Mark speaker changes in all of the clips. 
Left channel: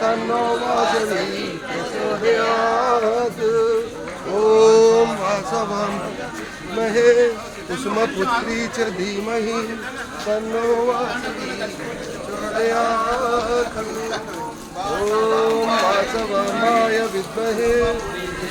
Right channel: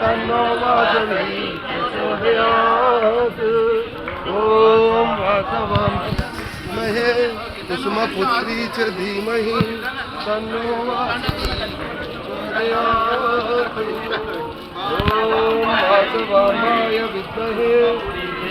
Speaker 1: तन्नो वासवी प्रचोदयात् ॐ वासवी वासवामहे कुसुमपुत्री च धीमहि तन्नो वासवी प्रचोदयात् ॐ वासवामाय विद्महे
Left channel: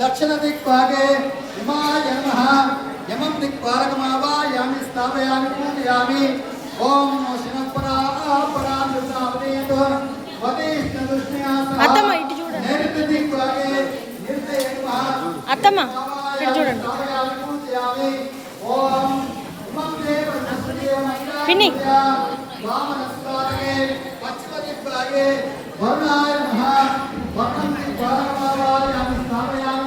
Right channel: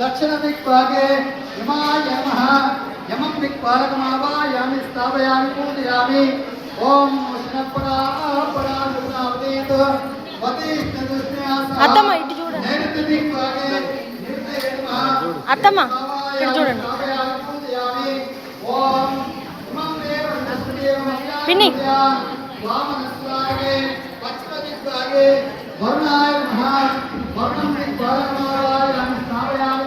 Speaker 2: దక్షిణ దిక్వాగే హిమాయమ యమం దిక్వారకమావాయామి స్థాపయామి పూజయామి. ఓం శనపరాపరామృతావదేత్
Speaker 3: అత్తమ్మ ఇటు చూడండి. అత్తమ్మ ఇక్కడ చూడండి. పిన్ని.
Speaker 2: వరుణాయ
Speaker 3: మహా వరుణం దిక్వారకమావాయామి స్థాపయామి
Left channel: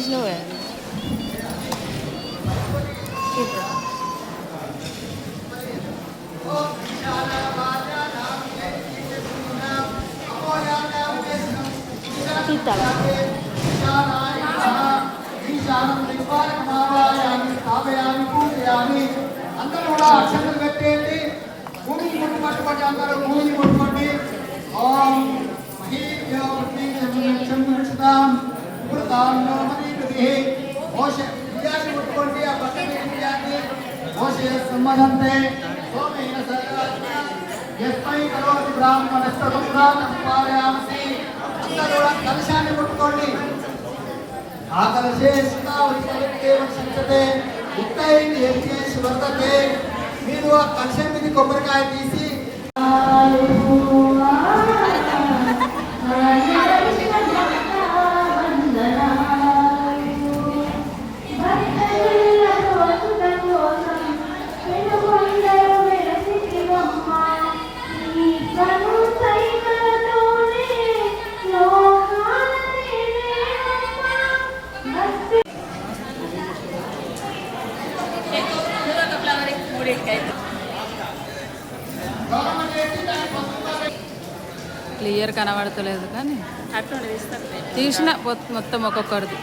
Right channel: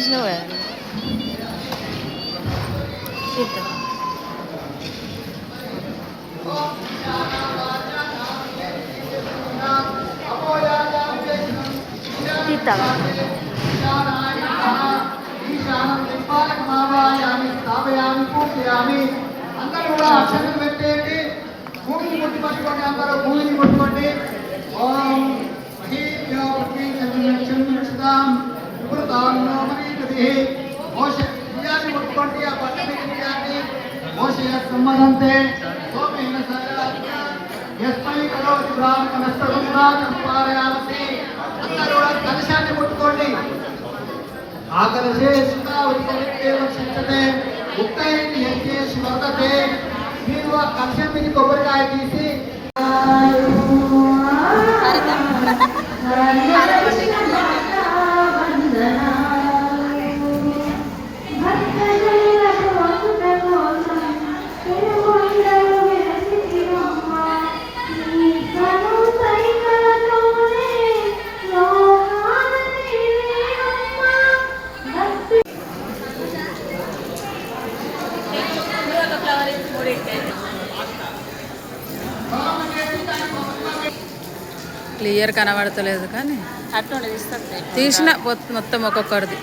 Speaker 3: అమ్మ. తీసినావు కదా తీద్దాం. తీస్తావా
Speaker 2: స్థాపయామి పూజయామి అందరూ కూడా అక్షంతలు పెట్టేయండి భూమిని ముట్టి పట్టుకోండి అందరూ భూమిని ముట్టుకోండి ఓం మహీభ్యో పృథ్వీక్షతాం మృతాం నో మరీపతి మోష బియ్యాన్ని ముట్టుకోండి ఆ పక్కన బియ్యాన్ని మోష సంబంధంతే సోమేన సర్వాత్మ యస్మై కరోతి బ్రాహ్మణస్తవం అందరూ కూడా కలశాన్ని ముట్టుకోండి. ఆకలశే సుతావృతమిత్యేవ శిక్షతే ఉక్తైంది యజ్ఞేషు వర్తతే మీరు ఆ కలశం మీద కొబ్బరికాయ తీసి
Speaker 4: క్లియర్ కనబడతలేదు కానీ తీసిన మొత్తం ఒక్కొక్కరిది.